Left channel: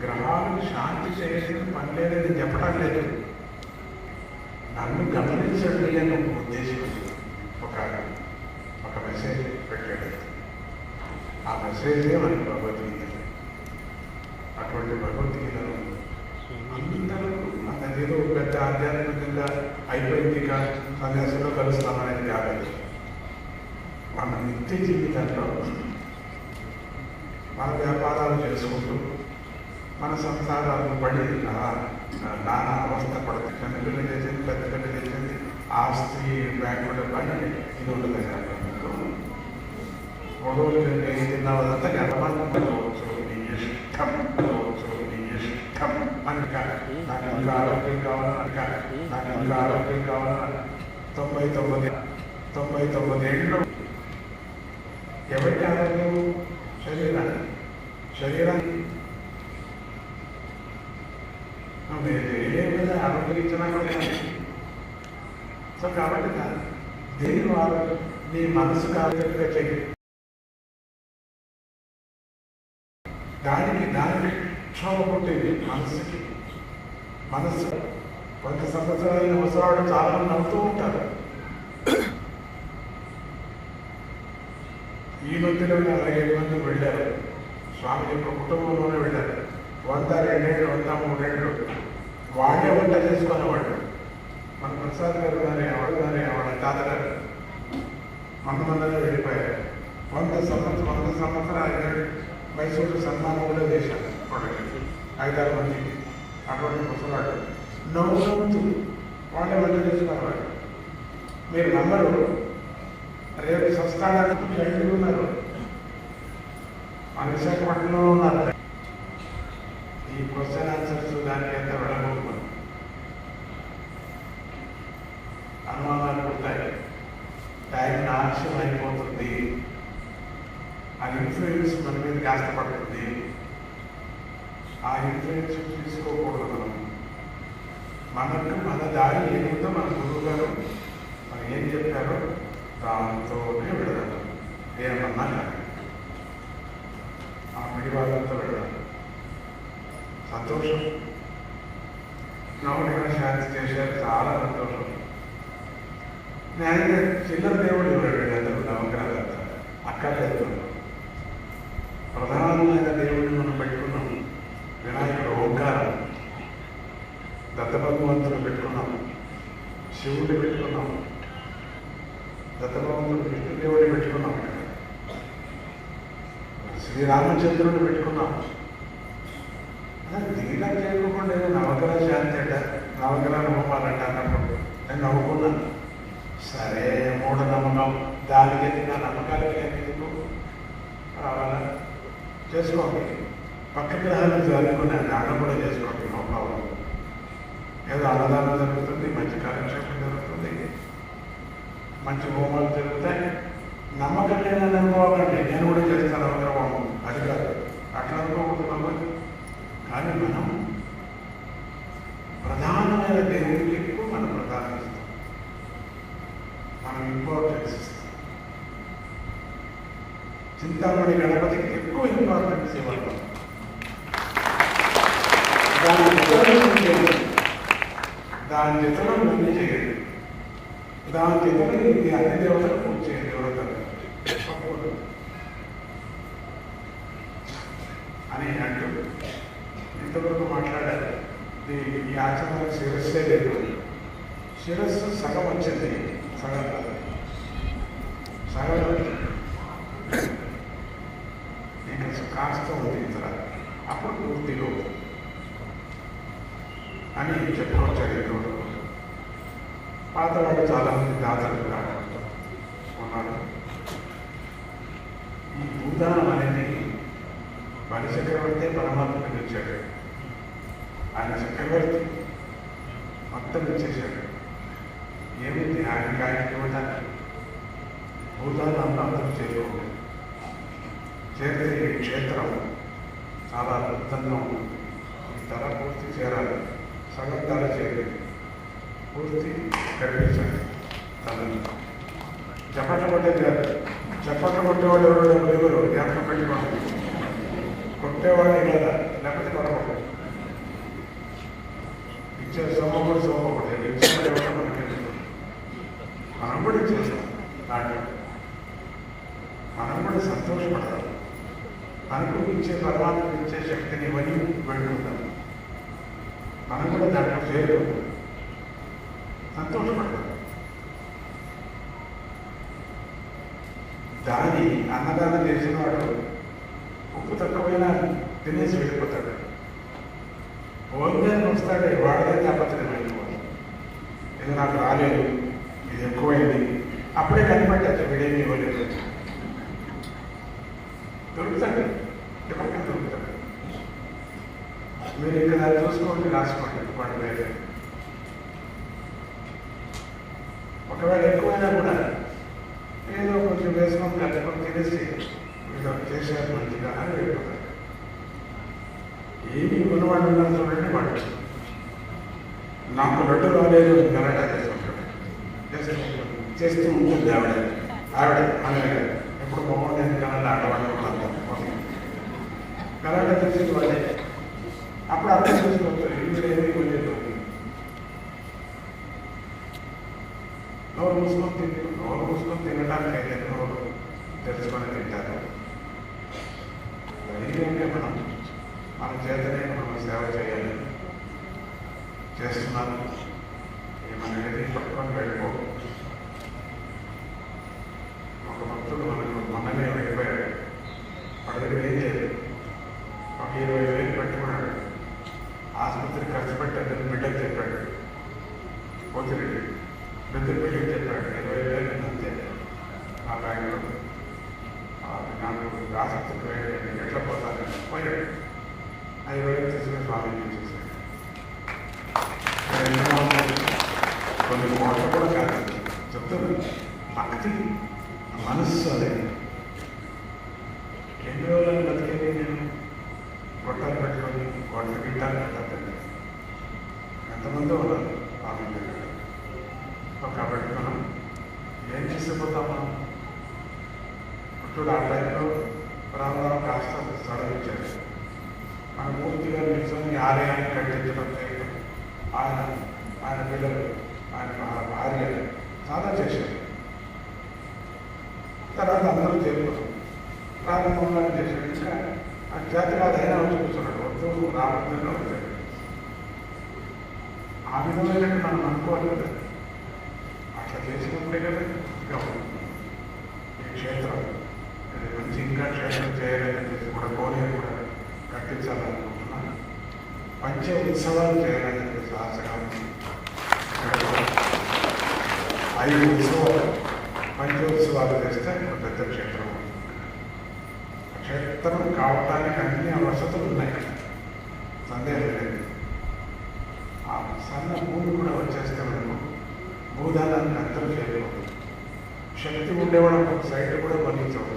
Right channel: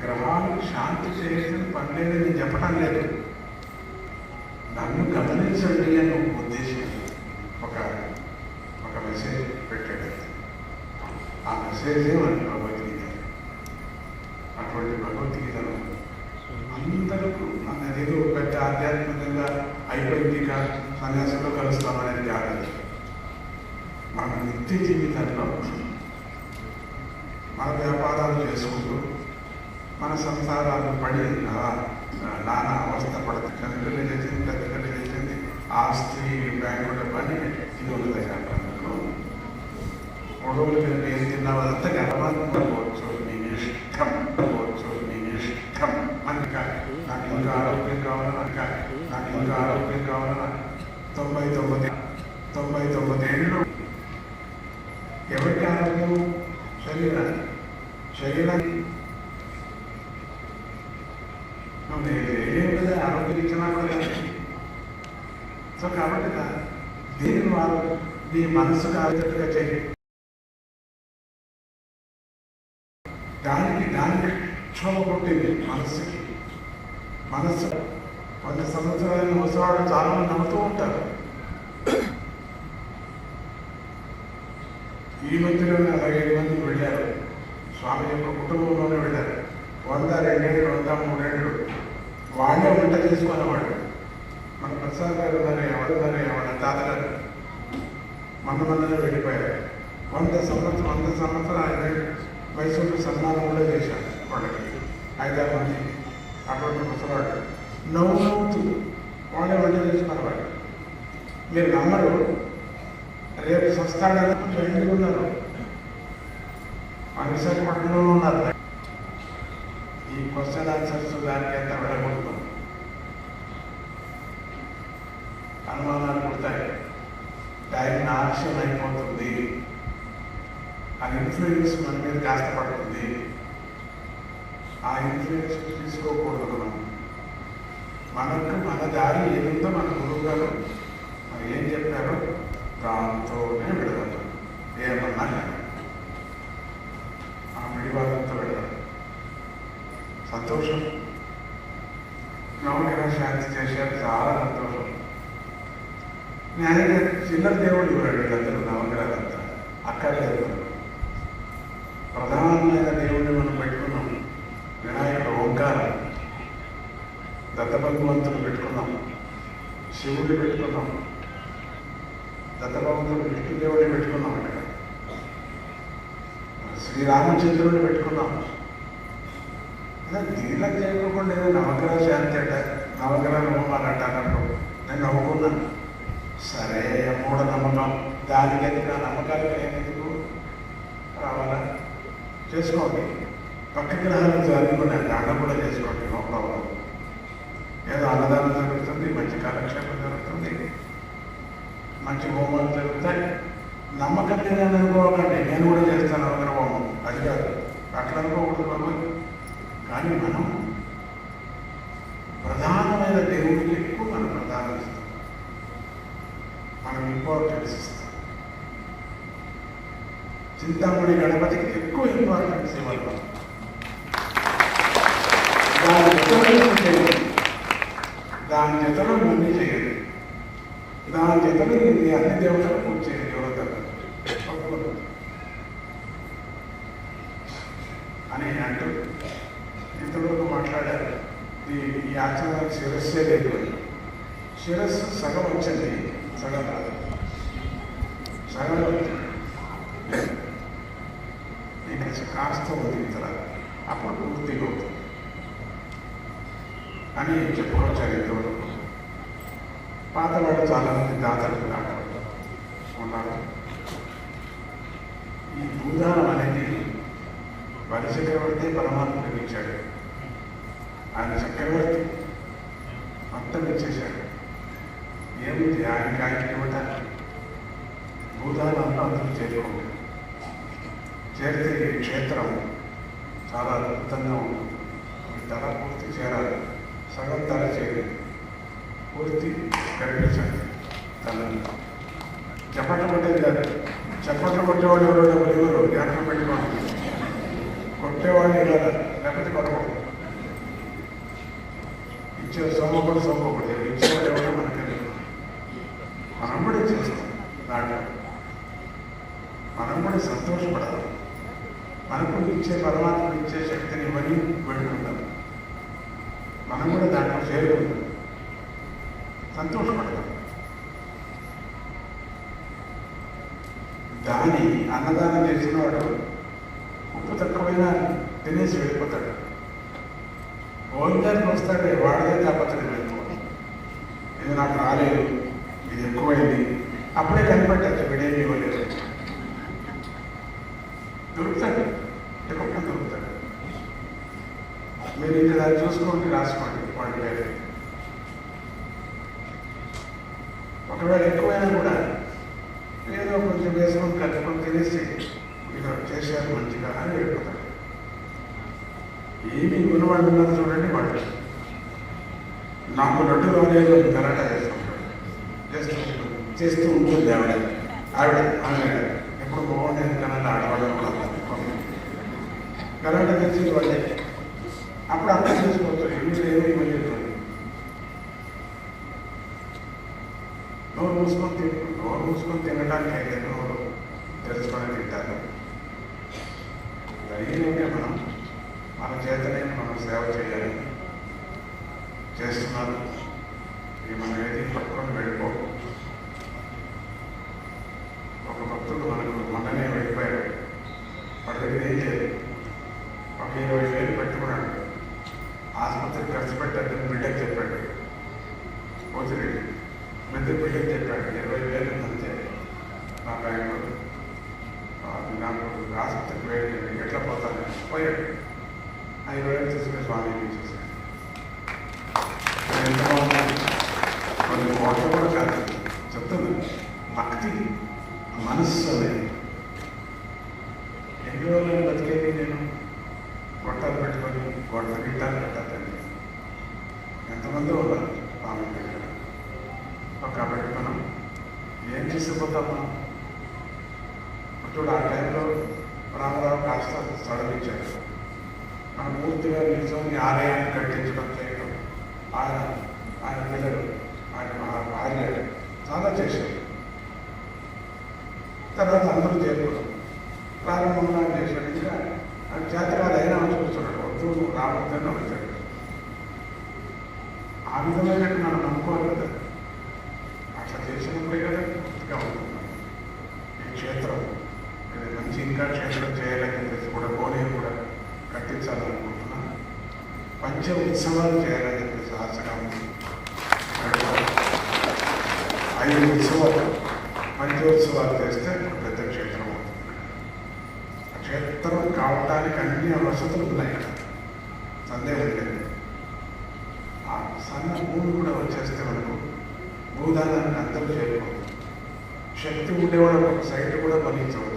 గ్రహాలు శాంతి చేసిన పని లేదని చెప్పడం లేదు నన్ను గమనించండి అని ఉద్దేశం ఒక ఒక మెసేజ్ పెట్టాడు ఆ మెసేజే మన మన సంసారాలు పడి నా- నానా అవస్థ పడుతుంది చిన్నపిల్లలు చేసింది పెద్ద పిల్లలు చేసింది ఆస్తి బ్యాంకులో పని ఇది ఉండదు గొడవలు పెరిగి ఏం తిన్నావు అదంతా గర్భంలోవచ్చు ఇష్టం లోవచ్చు నీ ఇష్టం అని నాకు ఆరోగ్యం కావాలన్నా నాకు ఆరోగ్యం కావాలన్నా తొంభై తొమ్మిది తొంభై తొమ్మిది ఏళ్ళు ఎవరికి ఆరోగ్యం శరీరాన్ని శరీరాన్ని నువ్వు ఏ విధంగా ఆరోగ్యం ఇచ్చినా కూడా సో కాబట్టి దేని వారు నీ మనసు ఆరోగ్యంగా దానికి దానికి క్షోభ పుట్టింది మనస్సుకి మనస్సు కొంత సంవత్సరాలు ముసవాడు చాలా మంది నవ్వుతూ ఉంటారు. ఈ మధ్యలో ఏడు మంది వెళ్ళారు. స్వామి యొక్క కుటుంబంలోనే వెళ్ళారు వంద రెండేళ్ళు వంద మూడేళ్ళు చేస్తాను వాడు మన ప్రసాద్ గారు ఉన్నారయ్య, వాడు మన తాతగారు మన వెళ్ళిపోయారు. వంద సంవత్సరం వంద సంవత్సరాలు మైసూరు సన్మానంలో చేశారు వాళ్ళకి ఐదారు మంది అటువంటి ముసలాడు. నవ్వుతూ వాళ్ళే వంట చేసుకున్నవాడు. మీరు నమ్మరు. రేపు స్వస్థానాలు ట్రైన్లు ఉన్నారు? మన విశాఖపట్నంలో ఉన్నారు. ఈ క్వశ్చన్ ఆన్సర్స్ దానికి ఎంత వెళ్ళబోతున్నాం అనుమానాలు పుడతాయి. టైం ఆలస్యం అయిపోతుంది ఆ ఇన్ఫ్లుయెన్స్ మన మీద కాస్త పడుతుంది ఆ ఇన్ఫ్లుయెన్స్ తీసుకోకూడదు మనం. మనకు మన దారి ఏదైతే మనం గురువు గారు నేను చిల్లర దేవుడు ఉన్నాడు వీళ్ళందరూ నవగ్రహ అక్కర్లేదు ప్రధానమైన దేవుడిని మనం పెట్టుకున్నాం. వినాయకుడు ఓంకారం. దత్తభగవంతుడు పెట్టుకున్నాం. శివుడిని పెట్టుకున్నాం. దత్తభగవంతుడు విష్ణుదేవుడిని పెట్టుకున్నాం శ్రీరామచంద్రుడిని పెట్టుకున్నాం. దీనిలో చేయకుండా నవగ్రహ శాంతి అంట నవగ్రహ నేను నవ్వుకున్నాను సరే మూఢనమ్మకం దానికి ఎందుకు నమ్మకాలు ఎందుకు రావాలా? చేసుకోండి. పక్క గ్రహాలు జరుగుతున్నాయి దానం కూడా చేసుకోండి నో ఏదో అన్నదానం జరుగుతుంది మంచి కాలక్షేపం జరుగుతుంది మంచి హోమాలు జరుగుతాయి. నమ్మకం లేదని అనుకోవాలంటే నేను కూడా చింతామణి గణపతికి ఎక్కువ ఇంపార్టెన్స్ ఇవ్వాలి దాని ఇతరులు దాని ముందు చేయండి. దాని ఇతరులు ఇది అన్ని దేవతలకు చేయండి అని అంటూ ఇంతవరకు మాట్లాడారు. ఈ ఈ ఆచరణ శిరస్సే లేదు. శిరస్సు సగం వచ్చింది. సగం. సగం. నీకు కాస్త పోతుందిరా అప్పుడు పూర్తిగా అని చెప్పడం ఇందులో పాతవాడు చాలామంది దాతలు ఉన్నారు ఉన్నారు. ఈ భూదానం అనేది మన చక్రవర్తి పరమాత్మకి ఇచ్చాడు. ఆయన చక్రవర్తి మొత్తం ఇచ్చేశాడు. ఏమిటి ఆయనకి ఆయనకి ఇవ్వడానికి భూదానం అందరూ చేయకూడదు. చేరితే ఈ క్షేత్రం చాలా అన్నదానం చేసిన వాడు ఉప్పు తక్కువైన తినేసి వెళ్ళిపోతాడు. భోజనానికి వస్తాడే వాడిదే తప్పలేదు ఇది నాకు రాలేదు ఇది ఎక్కువైంది. అప్పుడే కనిపెట్టచ్చు వీడేమి ఇవ్వలేదు. దొరుకుతాడు. ఏమి గుణవాడు ఉన్నారు చూడండి వాడు నాకు రెండు కాలేదు గలాటా చేసుకుంటాడు చేస్తూ- చేస్తూ ఉంటుంది ఆవిడ ఆవిడ ఆమె ఎప్పుడు బాగుండేది కన్నా ఆడవాళ్ళు గలాటా చేసి వాళ్ళే అప్పుడు అర్థం చేసుకోవచ్చు ఇంట్లో ఏమీ లేదు నోరు మూసుకొని తిని నోరు మూసుకొని తినడానికి అయితే నోరు తెలుసుకొని తింటారు అడిగితే మనం మన చేతనే మనం సేవ చేయాలి చేస్తున్నాను ఇది మన ఏది పట్టుకొని వెళ్ళిపో ఒక భక్తుడు మనకు మొన్ననే వెళ్ళిపోయాడు వాడి దగ్గర ఏం చేయలేదు ఒక ఇరవై వేలు పెట్టుకున్నాడు ఆసుపత్రి ఖర్చు పెట్టాడు బిడ్డకి చెప్పాడు వచ్చిరెడ్డి బిడ్డ బిడ్డకి చెప్పాడు ఇరవై వేలు శక్తి మనస్సు అనేది ఎన్ని రోజులు బతికేది నేను? పొట్టాలు పెట్టడం కొట్ట గిట్టాలు పెట్టద్దండి ఎంతమంది ఉన్నారు ఆమె కాబట్టి మనం ఏం తీసుకుపోతాం మనం? ఇప్పుడు ఆ టైంలో రామారావు కాస్త సడలించారు. ఇచ్చారు మనం పూర్తిగా నిల్చొని ఆలయాన్ని కట్టించడం చేయడం ఆయన ఆయన పిల్లలు ఆయన ఆయన చాలా చేశారు తర్వాత అందరూ చేరుతారు ప్రారంభంగా చేశాడు ఇంకా ఆ ధైర్యం అయినా చూస్తున్నాడు నా విధంగా వచ్చాడు ఆ విధంగా మనం నమ్ముకోవాలి కదా అట్లా చేసినప్పుడే కదా ఇంకా ఈ క్షేత్రం. మంచి ఇంకా క్షేత్రం చేయాలని చెప్పి కూడా పోనీ కూడా కట్టించాలనుకుంటున్నాను. పంచ ఉత్సవాలు చేయాలని చెప్పి ఆశగా ఉంది. ఐదు ఉత్సవాలు. క్షేత్రం కావడానికి అన్ని వసతులు ఉన్నాయి సందేహం లేదు. ఆ సన్న భూమి కూడా వచ్చేస్తే మనకు భూదానాన్ని అందరూ చేయలేదు శక్తి ఉండేవాళ్ళు సైడ్ కూడా భరించవచ్చు